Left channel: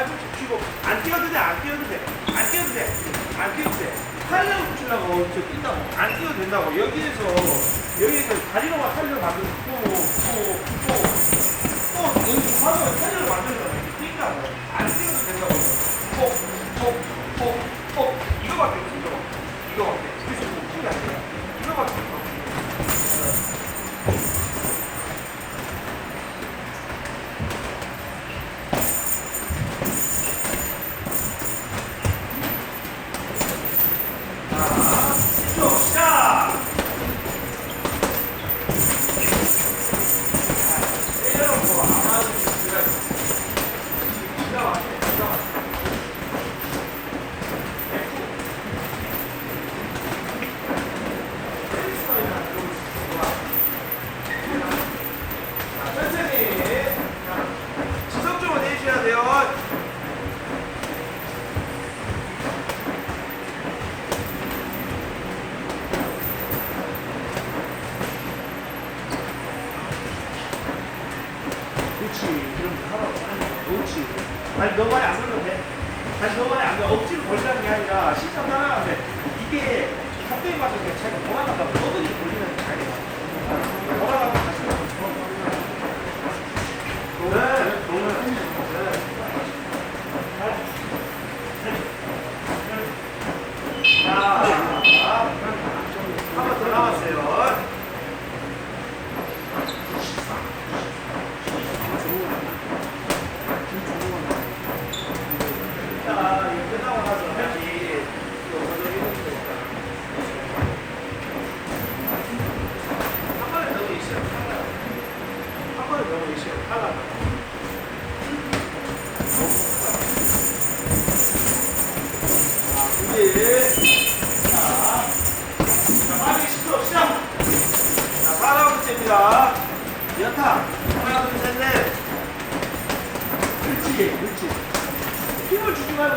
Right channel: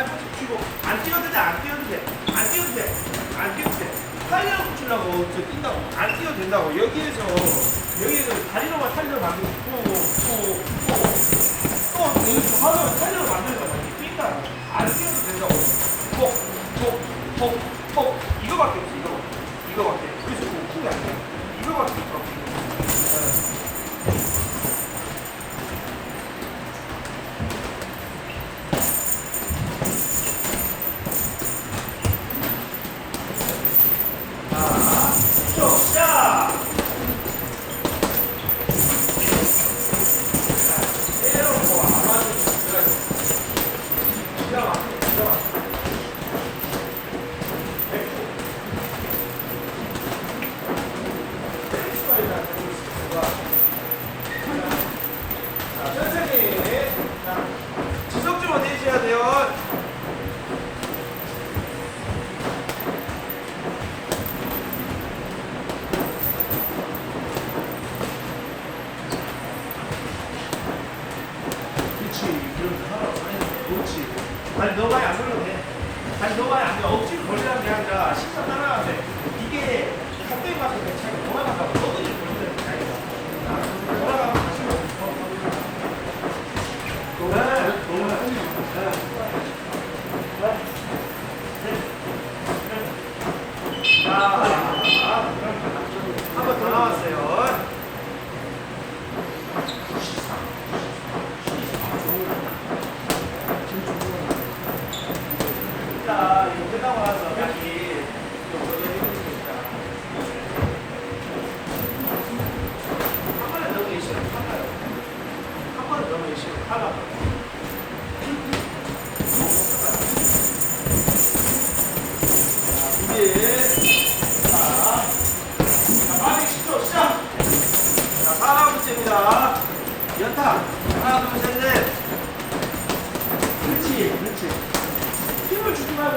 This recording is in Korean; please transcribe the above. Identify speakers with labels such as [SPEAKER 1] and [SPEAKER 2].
[SPEAKER 1] 팔꿈치 펴고 안 뛰어도 돼, 안 뛰어도 돼, 안 뛰어도 돼, 안 뛰어도 돼. 탄력 붙이려고 저 뛴다고. 안 뛰어도 된다고. 여기에서 여기에서 다리로 만 탄력을 만들고 또또또 또 여기 하면 탄력을 만들잖아. 이렇게 뛴다고. 안 뛰어도 된다고. 이거 이거밖에 돼요. 그렇지. 그럼 하라. 그렇지. 아니, 너가 안 하면 돼. 아니, 너가 안 돼. 억지로 걸자는 게 아니라 식사 하나 돼. 이게 갑자기 가서 차이가 돌아가다가 너들이 그러 合わせの。 연타. 하나, 둘, 셋, 넷. 그렇지, 그렇지. 힘을 주긴 하고